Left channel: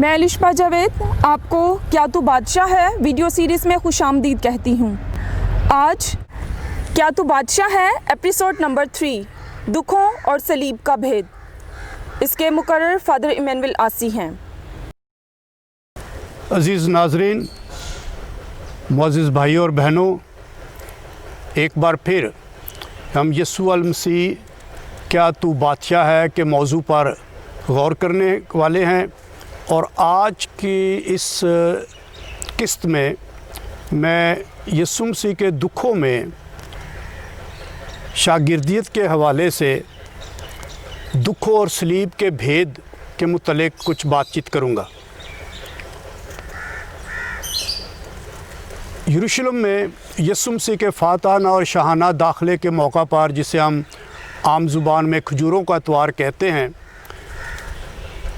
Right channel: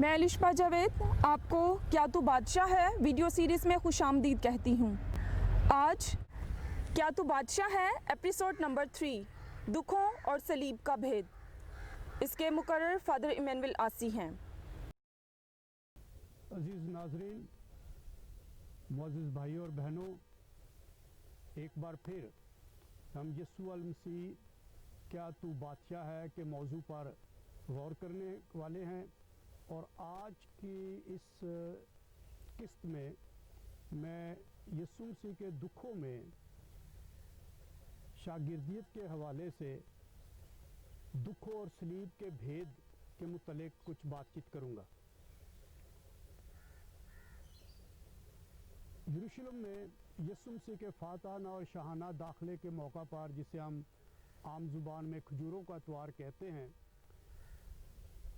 میں الشبہ جاوید آپ کو کیا تو بادشاہ ہے ویڈیو سیریز میں خوش آمدید کہتی ہوں۔ آج کیا تو بادشاہ ہے ایپیسوڈ نمبر 3 دکھوں اور صلیب کا بھید، اس کے مقرر فادر ایمینول آسی ہیں۔ عزیز ناظرین، معزز بھائیوں اور بہنوں، ایک بار پھر ہم یسوع المسیح کیا تو بادشاہ ہے کے موضوع پر غور کرنے والے ہیں، اور آج کی اس قسط میں یسوع مسیح کے دکھوں میں شاگردیت کے حوالے سے دکھوں اور صلیب کے بھید کے متعلق کچھ بات چیت کروں گا۔ یروشلم میں یسوع مسیح کے فاتحانہ اور شاہانہ داخلے کے موقع پر، جسے ہم عام زبان میں کھجوروں کا اتوار کہتے ہیں،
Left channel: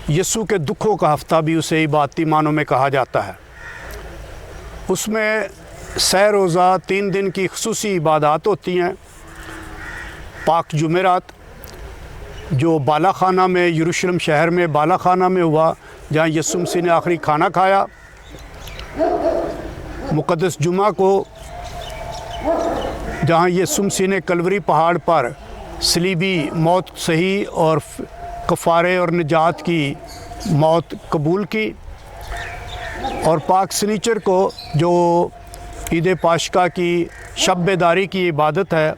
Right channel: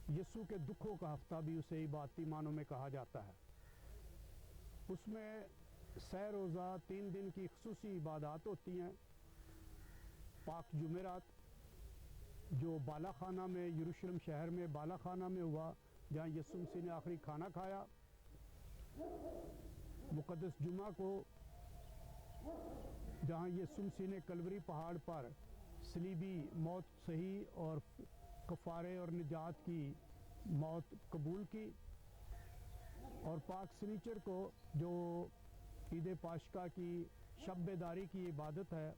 یسوع کے دکھوں کا ہفتہ بھی اسے عبادتی معنوں میں کہا جاتا ہے۔ اس میں سہ روزہ 3 دن کی خصوصی عبادات ہوتی ہیں۔ پاک جمعرات جو بالا خانہ میں، یروشلم شہر میں بالا خانہ میں ہوا، جہاں یسوع مسیح نے آخری کھانا کھایا۔ مقدس جمعہ کو، جہاں یسوع مسیح نے کلوری پہاڑ پر صلیبی موت سہی اور کفارے اور نجات کی موت قبول کی۔ اور پاک سنیچر کو، جو عید پاشکا کی شب بیداری کی عبادت ہے،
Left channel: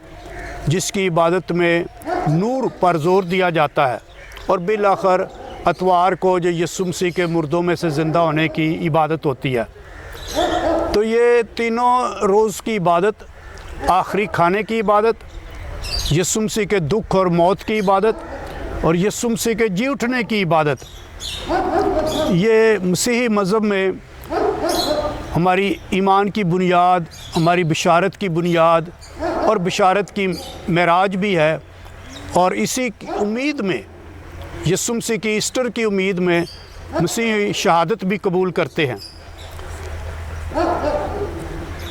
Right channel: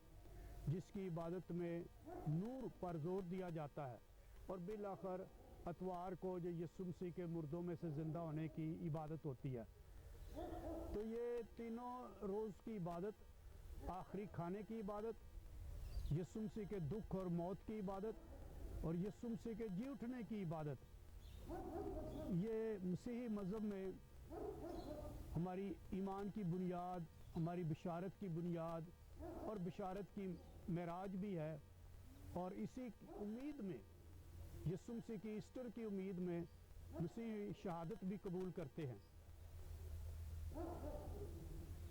جس کی عبادت میں نور پر زور دیا جاتا ہے، اور بالآخر اتوار کو جو یسوع مسیح کے مردوں میں سے زندہ ہونے کی عبادت ہوتی ہے۔ تو یہ تینوں روز کی عبادت، آخری کھانے کی عبادت، یسوع مسیح کے دکھ اور موت کی عبادت، اور یسوع مسیح کے جی اٹھنے کی عبادت، یہ مسیحی مذہب میں ہماری ایمان کی بنیاد، ہماری بشارت کی بنیاد اور بشارت کی معراج بھی ہے۔ اور اسی امید میں، یسوع مسیح کی ایسٹر کی امید میں، مسیحی شہادت بھی قبول کرتے ہیں۔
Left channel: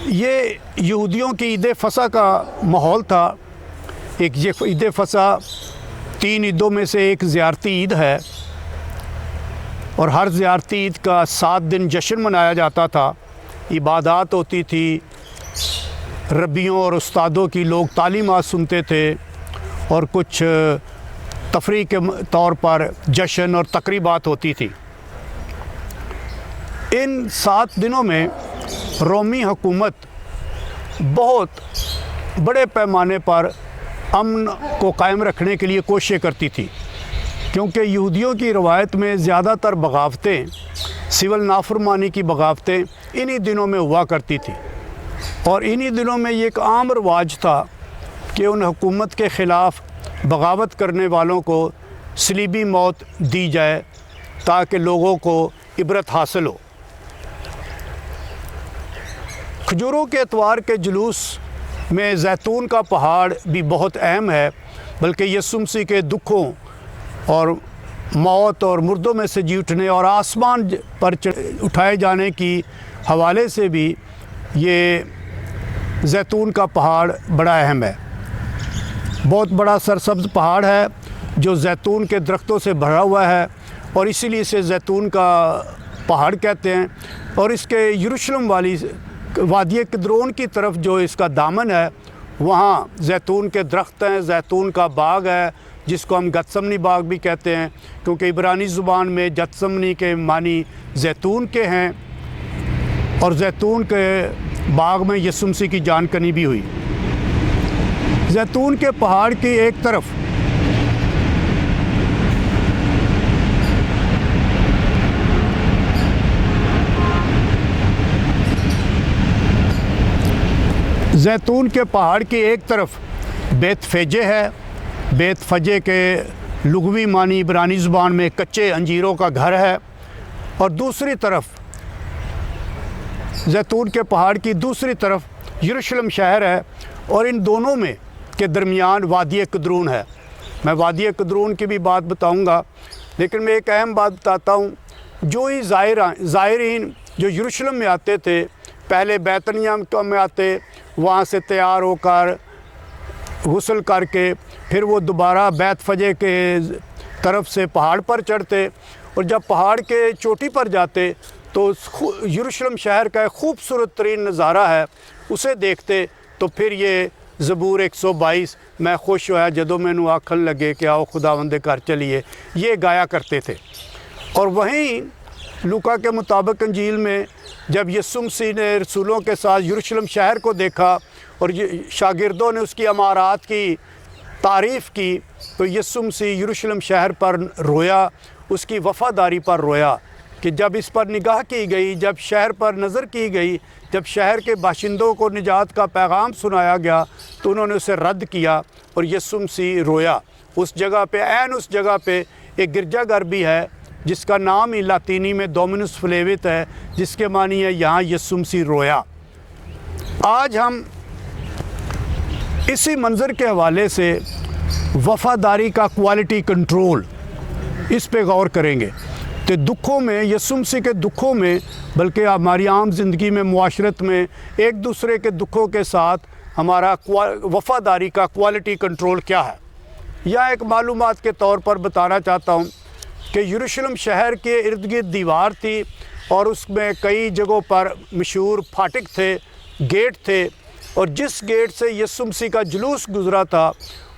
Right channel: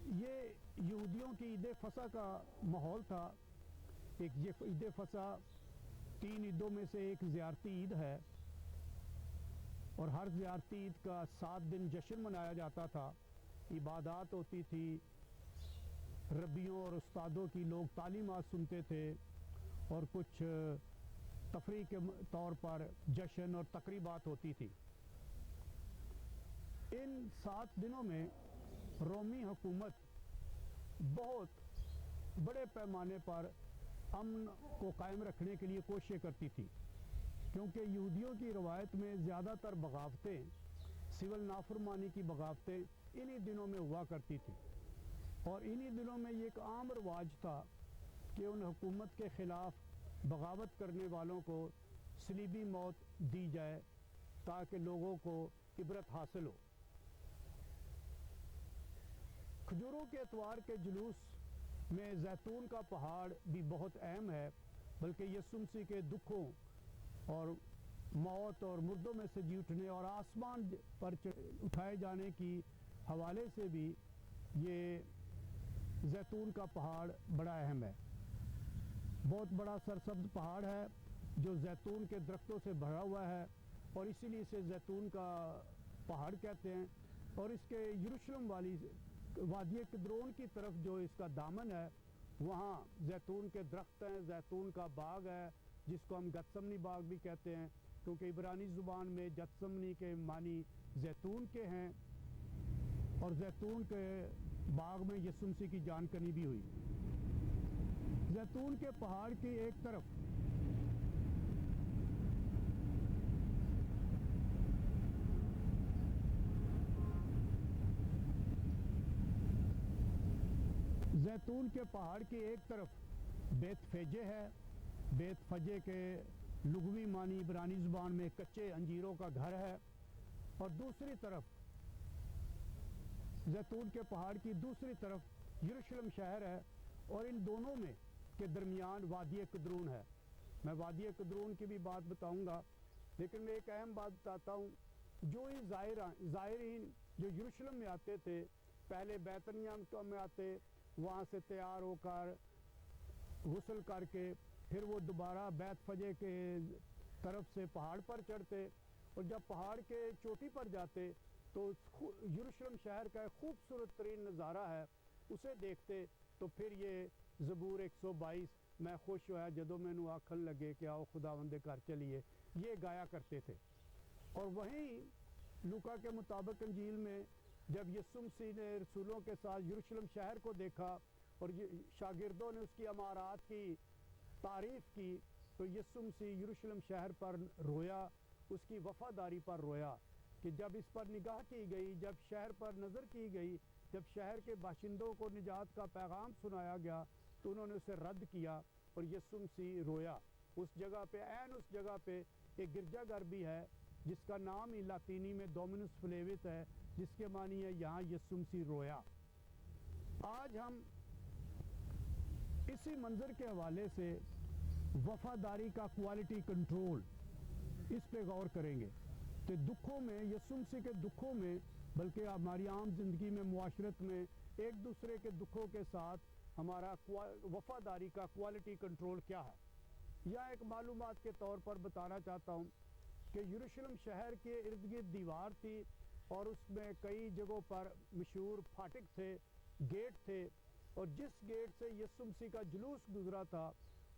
یہ یہودیوں کی عید فصح کا ماحول تھا۔ ایک عید فصح 3 عیدوں میں سے ایک زیارتی عید ہے، اور ہر زیارتی عید کا 7 دن جشن منایا جاتا تھا۔ عبادات ہوتی تھی، ربیوں اور استادوں کی لوگ تعلیمات سنتے تھے، اور کچھ تفریح کے طور پر جشن اور تقریبات ہوتی تھی۔ ان 7 دنوں میں رومی حکومت بہت بڑے پیمانے پر امن کو قائم رکھنے کے لیے کوششیں کرتی تھی، کیونکہ یہودیوں کی روایت میں زیادہ تر بغاوتیں، سول نافرمانی کی بغاوتیں انہی دنوں میں ہوا کرتی تھی۔ اور انہی دنوں میں یہ ایک عام رواج تھا کہ ان حکومت کے خلاف بغاوت کرنے والوں کو صلیبی موت دی جائے، تاکہ لوگوں کو عبرت حاصل ہو۔ کھجوروں کے اتوار کے جلوس میں زیتون کا پہاڑ بھی بہت اہم ہے، بلکہ یسوع مسیح کے دکھوں اور موت اور مردوں میں سے جی اٹھنے اور آسمان پر اٹھائے جانے کی حوالے سے بھی یہ زیتون کا پہاڑ بڑا اہم ہے۔ بہت بڑا سرسبز پہاڑ ہے جو زیتون کے درختوں سے بھرا ہوا ہے، اور اسی لیے اسے زیتون کا پہاڑ کہتے ہیں۔ اور اس کے یروشلم والی وادی قدرون کی طرف جو اس کا دامن ہے، وہاں زیتون کے درخت ہیں، زیتون کا باغ ہے، جس کو ہم گتسمنی باغ بھی کہتے ہیں، کیونکہ عبرانی زبان میں گتسمنی کے معنی زیتون کے ہیں، اور زیتون کے باغ میں یسوع مسیح کی جان کنی بھی ہوئی۔ زیتون کے پہاڑ کی ایک طرف بیت فیجے ہے۔ بیت فجے کے لغوی معنی عبرانی زبان میں کچے انجیروں کا گھر ہے، اور دوسری طرف زیتون کے پہاڑ کی دوسری طرف یروشلم شہر ہے، اور ان دونوں میں کے درمیان وادی قدرون ہے۔ میں وادی قدرون کی بھی بات بتاؤں گا، لیکن میں ایک اہم بات بتاتا ہوں۔ جو ہی زائرین جو یروشلم میں آتے تھے، پہلے بیتنیہ میں آتے، وہاں سے تیار ہو کر غسل کر کے پھر وہ دوبارہ بیت فجے کے طرف سے پہاڑ پر چڑھتے، اور جب پہاڑ کے چوٹی پر جاتے تو یروشلم شہر کا ایک خوبصورت ترین نظارہ ہے، اسے دیکھتے تو پھر یہ زبور 122 میں خوش ہویا جدوں مینوں آکھن لگے کہ آؤ خداوند دے گھر چلیے، یہ گایا کرتے تھے۔ اور وہیں لوکا کے مطابق انجیل میں جب یسوع مسیح نے رسولوں کے ساتھ یروشلم شہر کو دیکھا اور شاگردوں نے اس کی عمارات کی تعریف کی تو یسوع مسیح یروشلم شہر پر رویا، اس کی وفاداری پر رویا کہ جب اس پر نگاہ کی گئی، جب شہر پر نظر کی گئی، جب شہر کے باشندوں کو نجات کا پیغام سنایا گیا تو انہوں نے اسے رد کیا اور یسوع مسیح رویا۔ اس جگہ پہ اس جگہ پہ ایک گرجا گھر بھی ہے جس کا نام ہی لاطینی میں ڈومینس فلیوت ہے، جس کے معنی ہے یہاں یسوع مسیح رویا۔ آج ہم اسی منظر کے حوالے سے وفاداری کا کوالٹی کنٹرول اس پہ غور کریں گے کہ دکھوں میں، یسوع مسیح کے دکھوں میں، بلکہ ہماری عام زندگی میں، معاشرت میں ایک دوسرے کے دکھوں کے ساتھ ہمارا وفاداری کا کوالٹی کنٹرول کیا ہے۔ یا ایک معلومات کے طور پر بتانا چاہتا ہوں کہ یروشلم شہر کے ارد گرد دیوار تھی اور اس میں کئی جگہوں پر مشہور پھاٹک تھے، گیٹ تھے، اور جس گیٹ سے یسوع مسیح کا جلوس گزرا تھا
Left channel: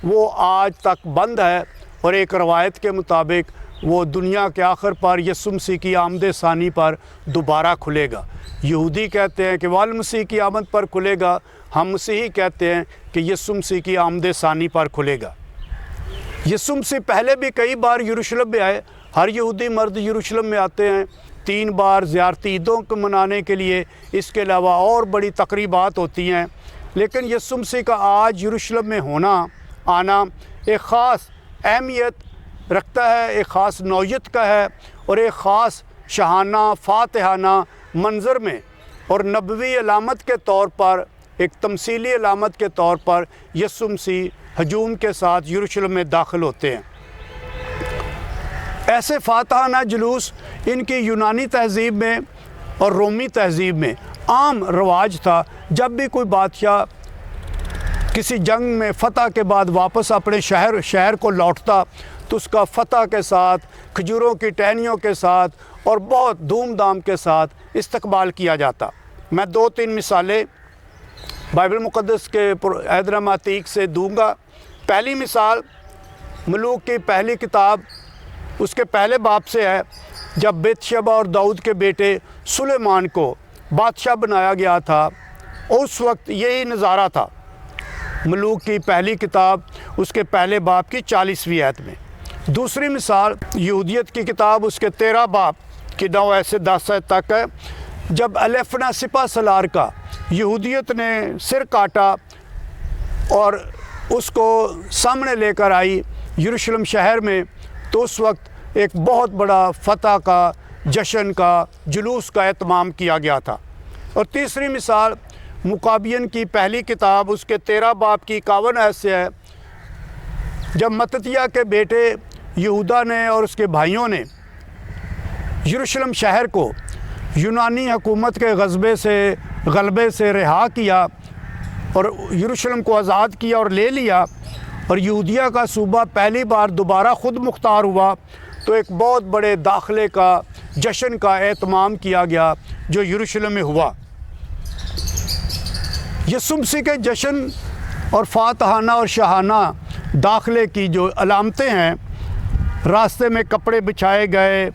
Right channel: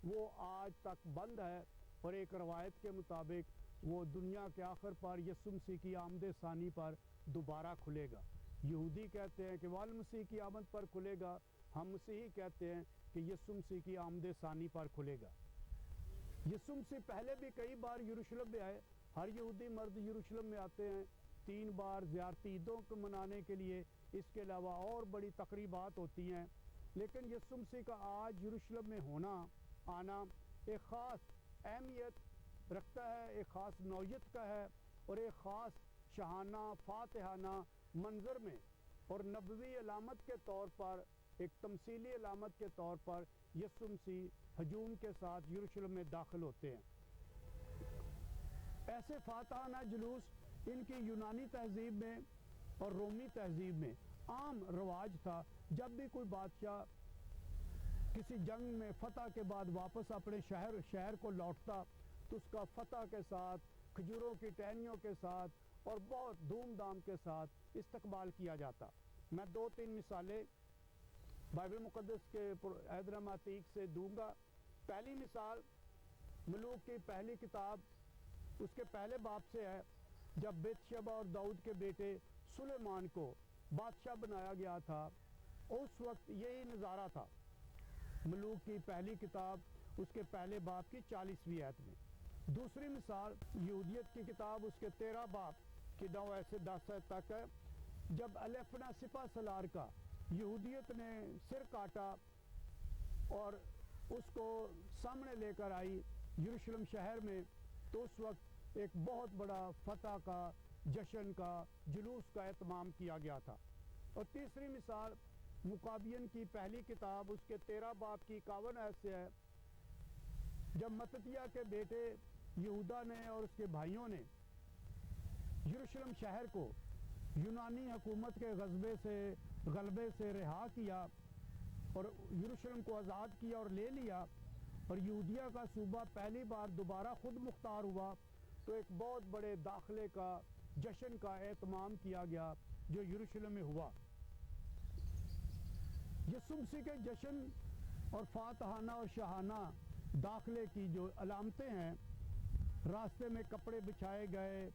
وہ آج تک بند ہے، اور ایک روایت کے مطابق وہ دنیا کے آخر پر یسوع مسیح کی آمد ثانی پر دوبارہ کھلے گا۔ یہودی کہتے ہیں کہ والمسیح کی آمد پر کھلے گا، ہم مسیحی کہتے ہیں کہ یسوع مسیح کی آمد ثانی پر کھلے گا۔ یسوع مسیح پہلے بھی کئی بار یروشلم میں آئے، ہر یہودی مرد یروشلم میں آتے ہیں 3 بار زیارتی عیدوں کو منانے کے لیے، اس کے علاوہ اور بڑی تقریبات ہوتی ہیں، لیکن یسوع مسیح کا آج یروشلم میں آنا ایک خاص اہمیت رکھتا ہے، ایک خاص نوعیت کا ہے، اور ایک خاص شاہانہ فاتحانہ منظر میں اور نبوی علامت کے طور پر، ایک تمثیلی علامت کے طور پر یسوع مسیح ہجوم کے ساتھ یروشلم میں داخل ہوتے ہیں۔ ایسے فاتحانہ جلوس ان کی یونانی تہذیب میں اور رومی تہذیب میں عام رواج تھا۔ جب بھی کوئی بادشاہ کسی جنگ میں فتح کے بعد واپس اپنے شہر کو لوٹتا تو اس کا فتح کے ساتھ، کھجوروں کی ٹہنیوں کے ساتھ اور بہت دھوم دھام کے ساتھ استقبال کیا جاتا۔ میں 2-3 مثالیں بائبل مقدس کے عہد نامہ عتیق سے دوں گا۔ پہلی مثال ملوک کی پہلی کتاب اس کے پہلے باب سے ہے، جب بیت شبہ اور داؤد کے بیٹے سلیمان کو بادشاہ بنایا گیا تھا، اس وقت یہی نظارہ تھا۔ ملوک کی پہلی کتاب اس کے پہلے باب کی 40ویں آیت میں۔ دوسری مثال یہودیت کی کتاب اس کے 13 باب کی 9 سے 10 آیت تک ہے، جب الیفنا سپہ سالار کا یہودیت نے سر کاٹا اور اس کو سامنے لے کر آئی یروشلم شہر میں، تو اس وقت ایک بہت بڑا فتح کا، جشن کا، جلوس کا اہتمام کیا گیا تھا۔ اور تیسری مثال مکابین کی پہلی کتاب اس کے 13 باب کی 51 آیت سے ہے، جب متتیہ کے بیٹے یہودا نے اور اس کے بھائیوں نے یروشلم شہر کو یونانی حکومت کے غلبے سے رہا کیا اور یروشلم کو آزاد کیا اور لے لیا، اور یہودیہ کا صوبہ پہلی بار دوبارہ خود مختار ہوا، تو ایک بہت بڑے داخلے کا، جشن کا اہتمام کیا گیا جو یروشلم میں ہوا۔ یسوع مسیح کے جشن اور فاتحانہ اور شاہانہ داخلے کی جو علامتیں ہیں، راستے میں کپڑے بچھائے گئے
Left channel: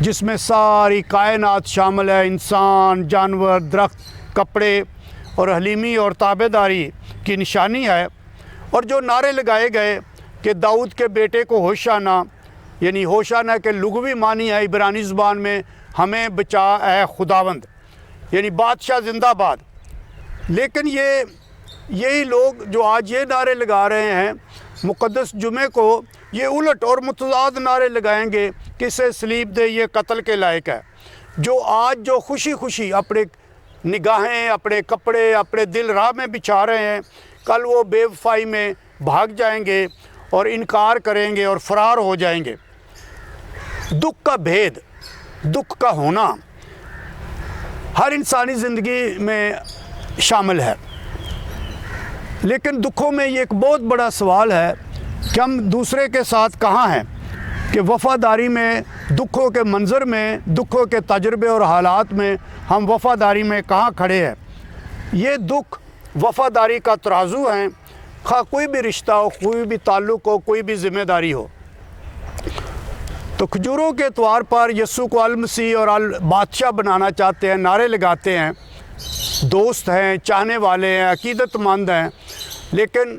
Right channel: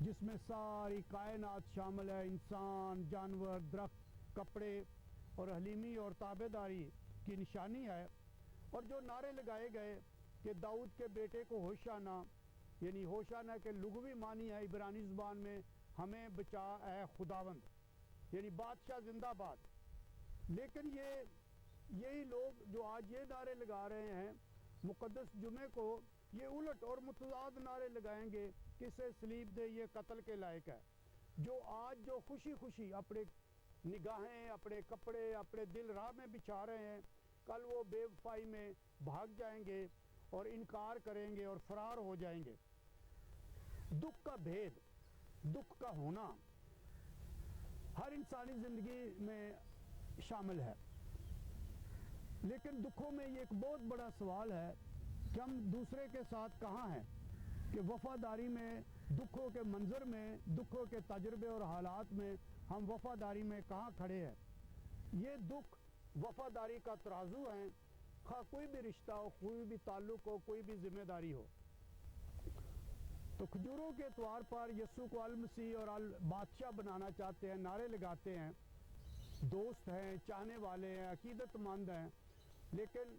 جس میں ساری کائنات شامل ہے، انسان، جانور، درخت، کپڑے، اور حلیمی اور تابعداری کی نشانی ہے، اور جو نعرے لگائے گئے کہ داؤد کے بیٹے کو ہوشانا، یعنی ہوشانا کے لغوی معنی ہے عبرانی زبان میں ہمیں بچا اے خداوند، یعنی بادشاہ زندہ باد۔ لیکن یہی لوگ جو آج یہ نعرے لگا رہے ہیں مقدس جمعے کو، یہ الٹ اور متضاد نعرے لگائیں گے کہ اسے صلیب دے، یہ قتل کے لائق ہے۔ جو آج جو خوشی خوشی اپنے نگاہیں، اپنے کپڑے، اپنے دل راہ میں بچھا رہے ہیں، کل وہ بے وفائی میں بھاگ جائیں گے اور انکار کریں گے اور فرار ہو جائیں گے۔ دکھ کا بھید، دکھ کا ہونا ہر انسانی زندگی میں شامل ہے، لیکن دکھوں میں یہ ایک بہت بڑا سوال ہے کہ ہم دوسرے کے ساتھ کہاں ہیں۔ کہ وفاداری میں دکھوں کے منظر میں، دکھوں کے تجربے اور حالات میں ہم وفاداری میں کہاں کھڑے ہیں۔ یہ دکھ وفاداری کا ترازو ہیں، خواہ کوئی بھی رشتہ ہو، کوئی بھی تعلق ہو، کوئی بھی ذمہ داری ہو۔ تو کھجوروں کے اتوار پر یسوع کو المسیح اور بادشاہ بنانا چاہتے ہیں، نعرے لگاتے ہیں، دوست ہیں، چاہنے والے ہیں، عقیدت مند ہیں، لیکن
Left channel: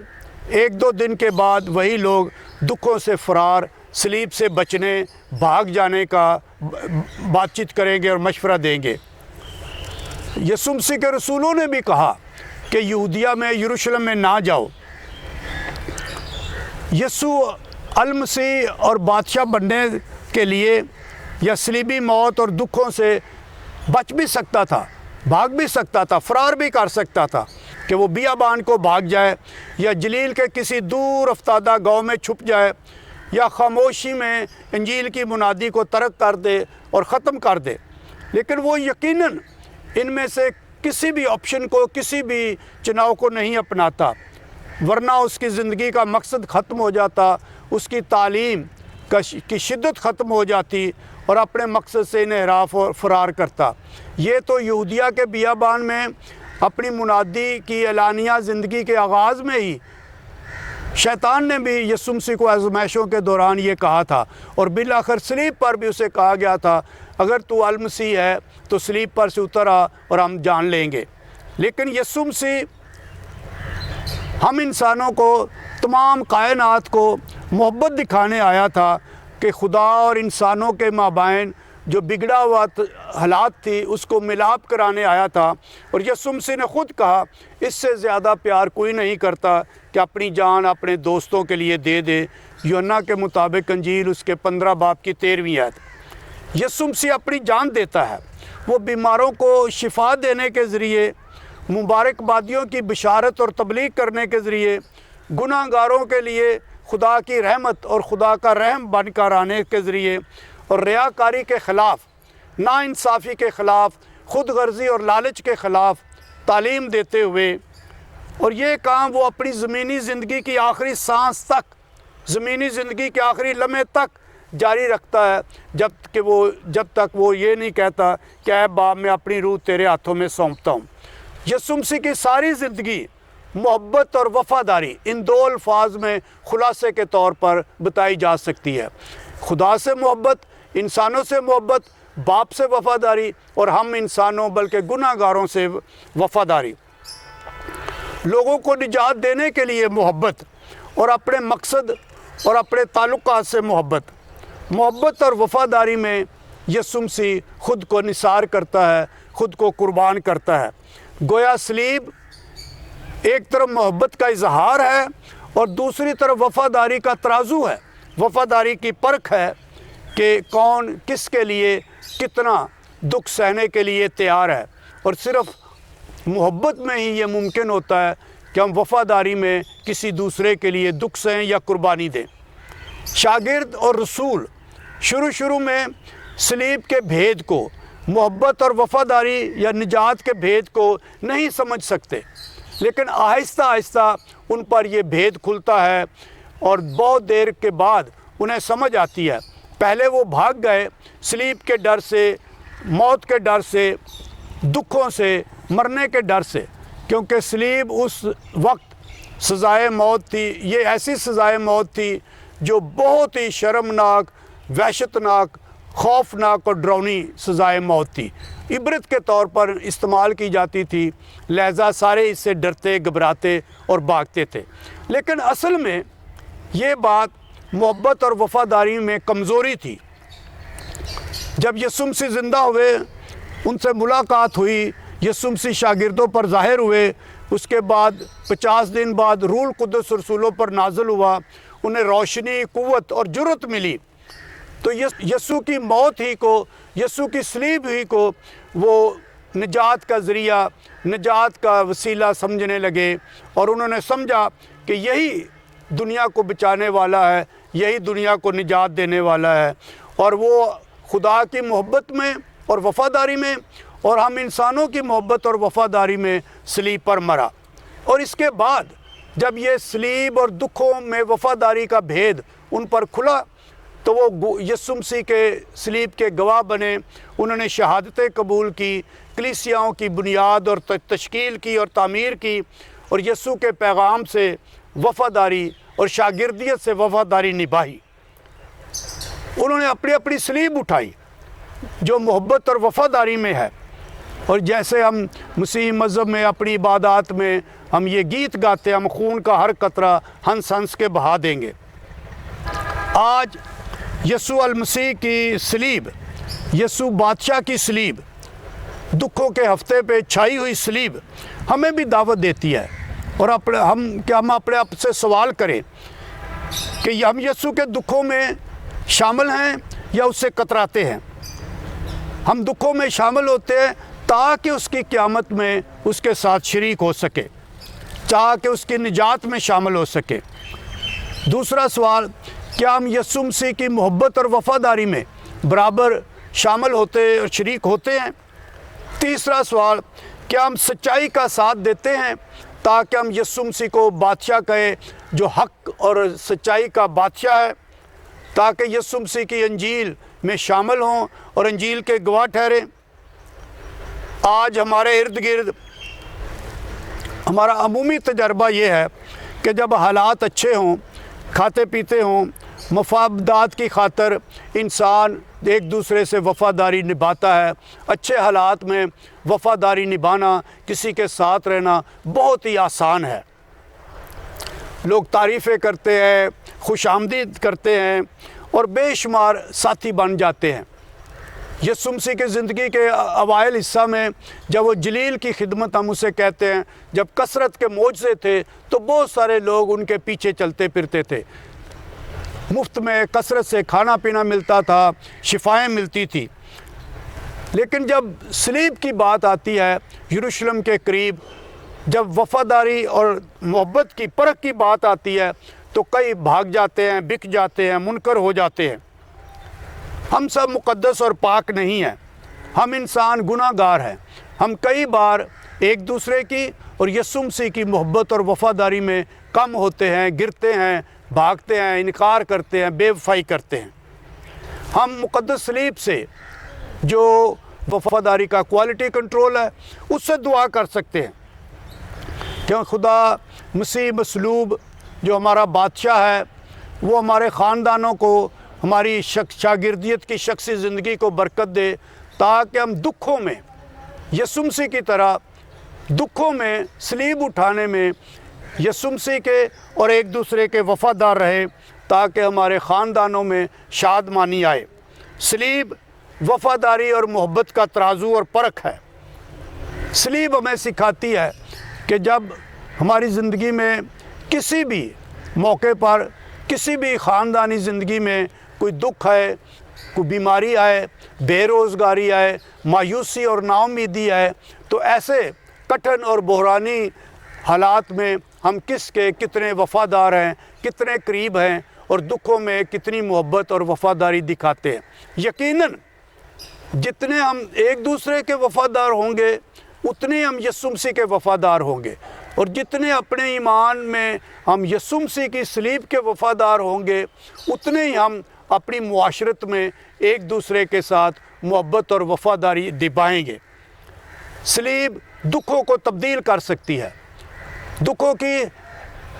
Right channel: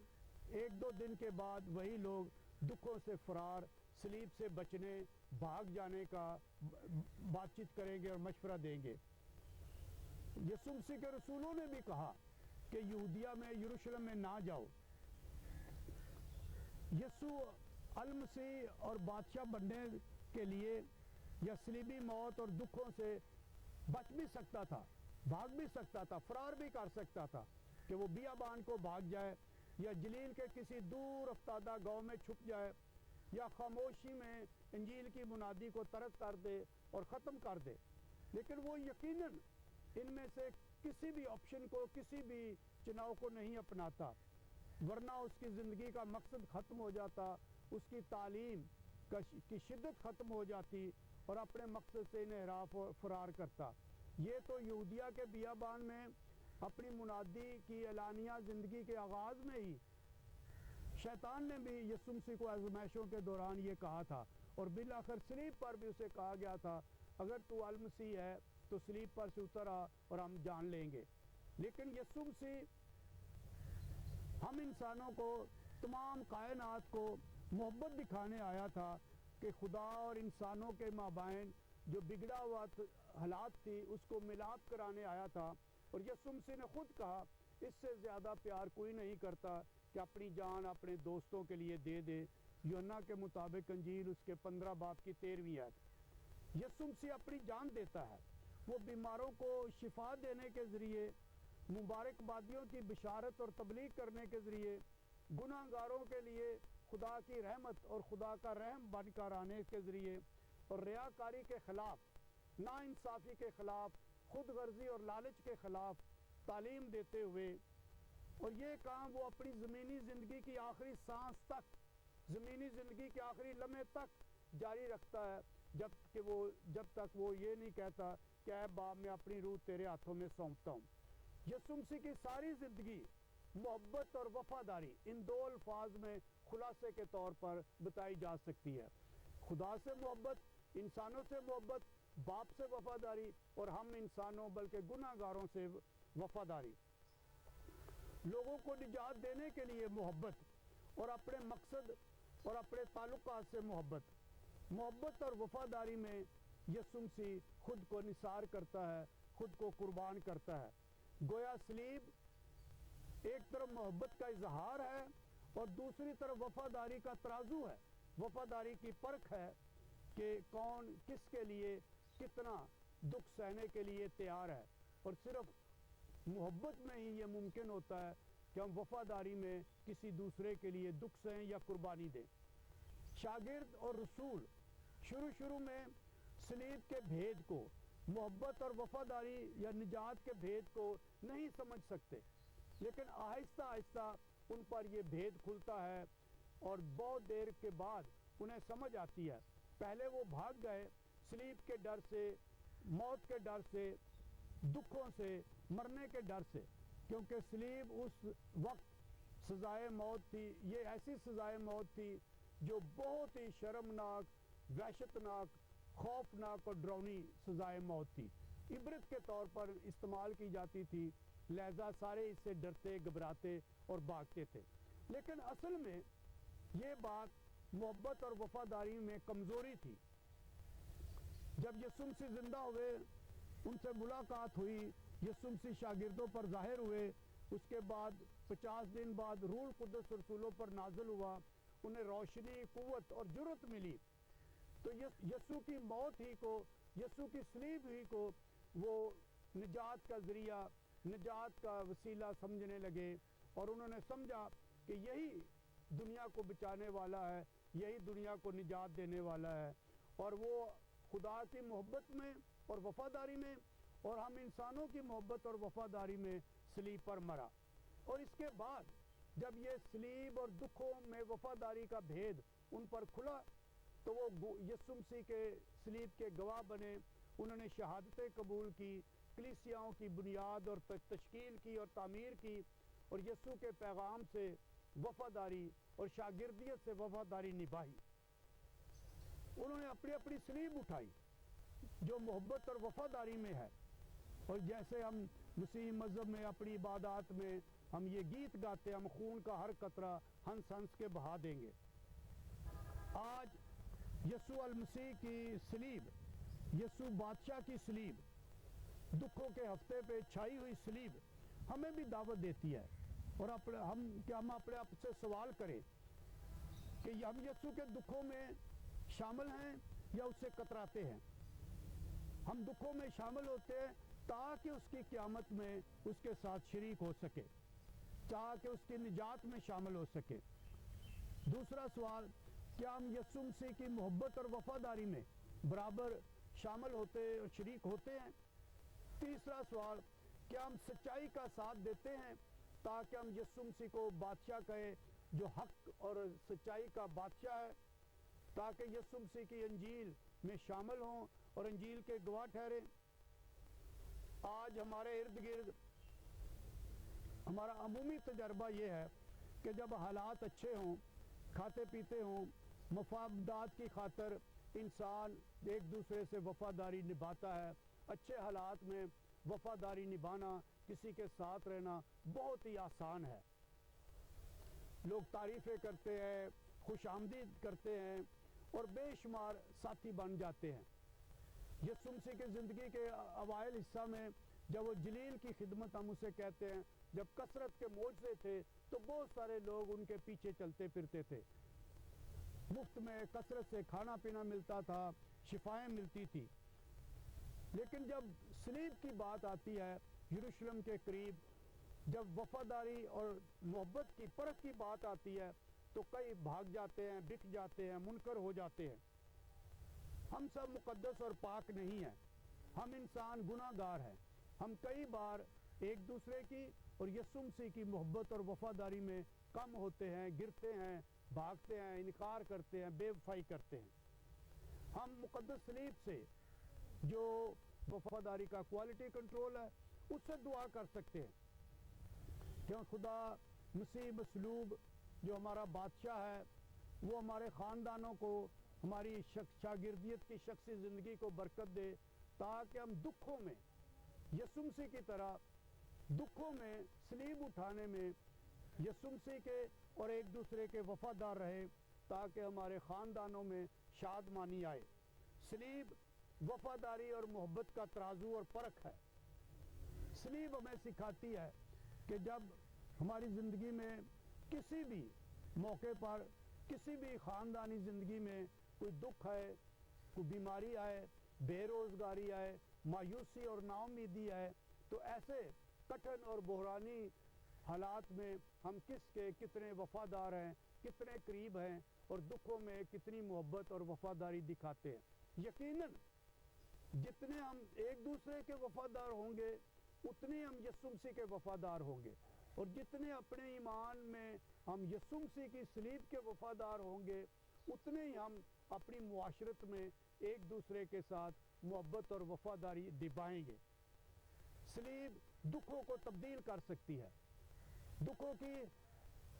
ایک دو دن کے بعد وہی لوگ دکھوں سے فرار، صلیب سے بچنے، بھاگ جانے کا بات چیت کریں گے اور مشورہ دیں گے۔ یسوع مسیح کے رسولوں نے بھی کہا کہ یہودیہ میں، یروشلم میں نہ جاؤ۔ یسوع المسیح اور بادشاہ بننے کے لیے یا صلیبی موت اور دکھوں سے بچ بھی سکتا تھا، بھاگ بھی سکتا تھا، فرار بھی کر سکتا تھا کہ وہ بیابان کو بھاگ جائے یا جلیل کے کسی دور افتادہ گاؤں میں چھپ جائے یا خاموشی میں انجیل کی منادی کو ترک کر دے اور ختم کر دے، لیکن وہ یقیناً ان میں سے کسی بھی آپشن کو، کسی بھی چناؤ کو نہیں اپناتا، ورنہ اس کی زندگی کا مقصد ختم ہو جاتا، اس کی تعلیم کی شدت ختم ہو جاتی اور اپنے مقصد سے انحراف اور فرار کرتا۔ یہ تو یہودیہ کے بیابان میں اپنی منادی کی اعلانیہ زندگی کے آغاز میں ہی شیطان نے بھی یسوع مسیح کو آزمائشوں کے دوران یہ کہا تھا، اور بالآخر صلیب پر بھی اسے کہا گیا تھا اگر تو المسیح ہے تو صلیب پر سے اتر آ اور ہم جان لیں گے۔ لیکن یسوع مسیح ہم انسانوں کو، تمام کائنات کو محبت دکھانے آیا تھا کہ خدا اور انسانوں کے مابین جو بگڑا ہوا حالات تھی اس کو ملاپ کرانے آیا تھا، اور یسوع مسیح نے خود کہا اس سے زیادہ پیار کوئی نہیں کرتا کہ اپنی جان اپنے دوستوں کے لیے دے دے۔ یوحنا کے مطابق انجیل اس کے 15 باب کی 13ویں آیت۔ یسوع مسیح اپنی جان دیتا ہے، وہ بیماروں کو شفا دینے کے ذریعے، مبارک بادیوں کی بشارت اور تبلیغ کرنے کے ذریعے، گناہ گاروں کے لیے خدا کی رحمت اور خدا کا رحم بن کر آنے کے ذریعے، اور ریاکاری کے خلاف، ناانصافی کے خلاف، خود غرضی اور لالچ کے خلاف تعلیم دیتے ہوئے، اور یہ کام وہ اپنی زمینی زندگی کی آخری سانس تک، زمینی زندگی کے آخری لمحے تک جاری رکھتا ہے، جب تک وہ یہ نہیں کہتا کہ اے باپ میں اپنی روح تیرے ہاتھوں میں سونپتا ہوں۔ یسوع مسیح کی ساری زندگی محبت اور وفاداری ان دو الفاظ میں خلاصے کے طور پر بتائی جا سکتی ہے۔ خدا سے محبت، انسانوں سے محبت، باپ سے وفاداری، اور ہم انسانوں بلکہ گناہ گاروں سے وفاداری۔ لوگوں کو نجات دینے کے لیے محبت، اور اپنے مقصد اور اپنے تعلقات سے محبت۔ محبت اور وفاداری میں یسوع مسیح خود کو نثار کرتا ہے، خود کو قربان کرتا ہے۔ گویا صلیب ایک طرف محبت کا اظہار ہے اور دوسری طرف وفاداری کا ترازو ہے، وفاداری کی پرکھ ہے کہ کون کس کے لیے کتنا دکھ سہنے کے لیے تیار ہے، اور صرف محبت میں ہی یہ ممکن ہوتا ہے کہ ہم وفاداری میں کسی دوسرے کے لیے دکھ سہیں یا قربانی دیں۔ شاگرد اور رسول شروع میں صلیب کے بھید کو، محبت اور وفاداری یا نجات کے بھید کو نہیں سمجھ سکتے، لیکن آہستہ آہستہ ان پر یہ بھید کھلتا ہے اور بہت دیر کے بعد انہیں سمجھ آتی ہے۔ پہلے وہ بھاگ گئے صلیب کے ڈر سے، موت کے ڈر سے، دکھوں سے، مرنے کے ڈر سے، کیونکہ صلیب اس وقت سزائے موت تھی۔ یہ ایسی سزائے موت تھی جو بہت ہی شرمناک، وحشتناک، خوفناک اور ڈراؤنی سزائے موت تھی، عبرت کے طور پر استعمال کی جاتی تھی، لہذا سارے اس سے ڈرتے، گھبراتے اور بھاگتے تھے۔ لیکن اصل میں یہ بات محبت اور وفاداری میں کمزوری تھی۔ جب یسوع مسیح زندہ ہوئے، ان سے ملاقات ہوئی، یسوع مسیح شاگردوں پر ظاہر ہوئے، اس کے بعد 50 دن بعد روح القدس رسولوں پر نازل ہوا، انہیں روشنی، قوت اور جرأت ملی، تو یسوع کی موت ہی کو، یسوع کی صلیب ہی کو وہ نجات کا ذریعہ، نجات کا وسیلہ سمجھنے لگے، اور انہوں نے سمجھا کہ یہی دنیا کو بچانے والا ہے، یہی دنیا کو نجات دینے والا ہے، اور وہ خدا کی محبت میں اور وفاداری میں، اور ہم انسانوں کی محبت اور وفاداری میں صلیب پر مرا۔ اور اس کے بعد جب یہ صلیب اور دکھوں میں وفاداری کا بھید ان پر کھلا، تو وہ یسوع مسیح کے صلیب کے گواہ بنے، انہوں نے شہادتیں قبول کی، کلیسیاؤں کی بنیاد اور تشکیل کی اور تعمیر کی، اور یسوع کے پیغام سے وفاداری اور شاگردیت سے وفاداری نبھائی۔ انہوں نے اپنی اپنی صلیب اٹھائی جو محبت اور وفاداری میں ہے، اور جیسے ہم مسیح مذہب میں اپنی عبادات میں ہم یہ گیت گاتے ہیں، ہم خون کا ہر قطرہ ہنس ہنس کے بہا دیں گے۔ آج یسوع المسیح کی صلیب، یسوع بادشاہ کی صلیب، دکھوں کے ہفتے پہ چھائی ہوئی صلیب ہمیں بھی دعوت دیتی ہے، اور ہم اپنے آپ سے سوال کریں کہ ہم یسوع کے دکھوں میں شامل ہیں یا اس سے کتراتے ہیں۔ ہم دکھوں میں شامل ہوتے ہیں تاکہ اس کی قیامت میں اس کے ساتھ شریک ہو سکے، تاکہ اس کی نجات میں شامل ہو سکے۔ دوسرا سوال، کیا ہم یسوع مسیح کی محبت اور وفاداری میں برابر شامل ہوتے اور شریک ہوتے ہیں؟ تیسرا سوال، کیا ہم سچائی کا ساتھ دیتے ہیں تاکہ ہم یسوع مسیح کو بادشاہ کہیں جو حق اور سچائی کا بادشاہ ہے، تاکہ یسوع مسیح کی انجیل میں شامل ہوں اور انجیل کے گواہ ٹھہریں؟ آج ہمارے ارد گرد ہمارا عمومی تجربہ یہ ہے کہ جب حالات اچھے ہوں، کھاتے پیتے ہوں، مفادات کی خاطر انسان ایک دوسرے سے وفاداری نبھاتا ہے۔ اچھے حالات میں وفاداری نبھانا، کسی کے ساتھ رہنا بہت ہی آسان ہے۔ لوگ تعریفیں کرتے ہیں، خوش آمدید کرتے ہیں، اور بے شمار ساتھی بن جاتے ہیں۔ یسوع مسیح کی زندگی کے اوائل حصہ میں جب وہ جلیل کی خدمت ہم اسے کہتے ہیں، جب کثرت کے معجزے تھے تو بہت سارے لوگ ان کے پیچھے چلتے پھرتے تھے۔ مفت میں کثرت سے کھانا پینا ملتا تھا، شفائیں ملتی تھی۔ لیکن جب صلیب کی بات آتی ہے، یروشلم کے قریب جب وفاداری اور محبت کی پرکھ کی بات آتی ہے تو کئی بھاگ جاتے ہیں، بک جاتے ہیں، منکر ہو جاتے ہیں۔ ہم سب مقدس اور پاک نہیں ہیں، ہم انسان گناہ گار ہیں۔ ہم کئی بار ایک دوسرے کی اور یسوع مسیح کی محبت اور وفاداری میں کم ہوتے ہیں، گرتے ہیں، بھاگتے ہیں، انکار کرتے ہیں، بے وفائی کرتے ہیں۔ ہم مقدس صلیب سے جو وفاداری کا کوالٹی کنٹرول ہے اس سے دعا کر سکتے ہیں کہ خدا مسیح مصلوب جو ہمارا بادشاہ ہے وہ ہمارے خاندانوں کو، ہماری شاگردیت کی شخصی زندگی کو برکت دے، تاکہ ہم دکھوں میں یسوع مسیح کی طرح دکھوں میں صلیب اٹھانے میں یسوع مسیح کے اور ایک دوسرے کے وفادار رہے، تاکہ ہمارے خاندانوں میں شادمانی آئے۔ صلیب وفاداری اور محبت کا ترازو اور پرکھ ہے۔ صلیب ہمیں سکھاتی ہے کہ جب ہماری زندگی میں کسی بھی موقع پر، کسی بھی خاندانی زندگی میں کوئی دکھ آئے، کوئی بیماری آئے، بے روزگاری آئے، مایوسی اور نا امیدی آئے، تو ایسے کٹھن اور بحرانی حالات میں ہم کس کے کتنے وفادار ہیں، کتنے قریب ہیں، اور دکھوں میں کتنی محبت اور وفاداری دکھاتے ہیں۔ یقیناً جتنے ہم ایک دوسرے کے وفادار ہوں گے اتنے ہم یسوع مسیح کے وفادار ہوں گے، اور جتنے اپنے ایمان میں ہم یسوع مسیح کی صلیب کے وفادار ہوں گے اتنے ہی ہم اپنی معاشرت میں ایک دوسرے کے ساتھ محبت اور وفاداری نبھائیں گے۔ صلیب دکھوں کو تبدیل کر سکتی ہے، دکھوں کی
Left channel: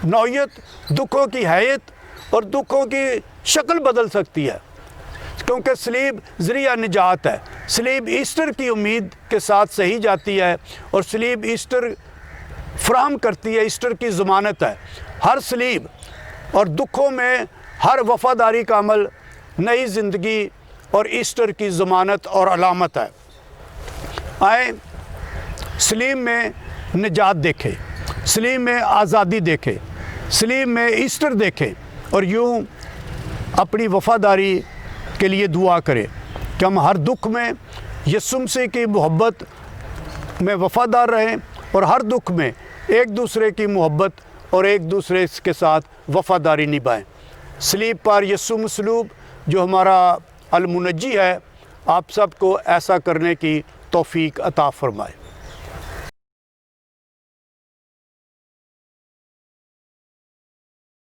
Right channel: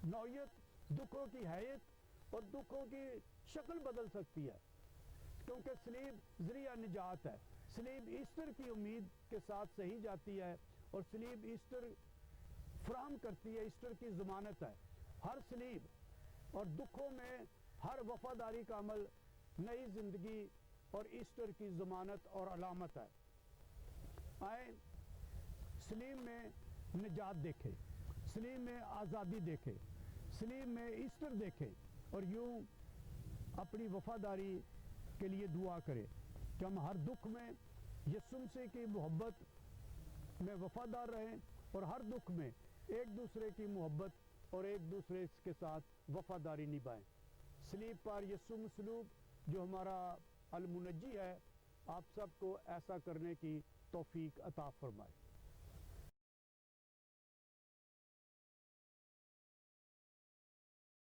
نوعیت، دکھوں کی حیت اور دکھوں کی شکل بدل سکتی ہے، کیونکہ صلیب ذریعہ نجات ہے۔ صلیب ایسٹر کی امید کے ساتھ سہی جاتی ہے، اور صلیب ایسٹر فراہم کرتی ہے، ایسٹر کی ضمانت ہے۔ ہر صلیب اور دکھوں میں ہر وفاداری کا عمل نئی زندگی اور ایسٹر کی ضمانت اور علامت ہے۔ آئیں صلیب میں نجات دیکھیں، صلیب میں آزادی دیکھیں، صلیب میں ایسٹر دیکھیں، اور یوں اپنی وفاداری کے لیے دعا کریں کہ ہم ہر دکھ میں یسوع مسیح کی محبت میں وفادار رہیں، اور ہر دکھ میں ایک دوسرے کی محبت اور ایک دوسرے کے ساتھ وفاداری نبھائیں۔ صلیب پر یسوع مصلوب جو ہمارا المنجی ہے، آپ سب کو ایسا کرنے کی توفیق عطا فرمائے۔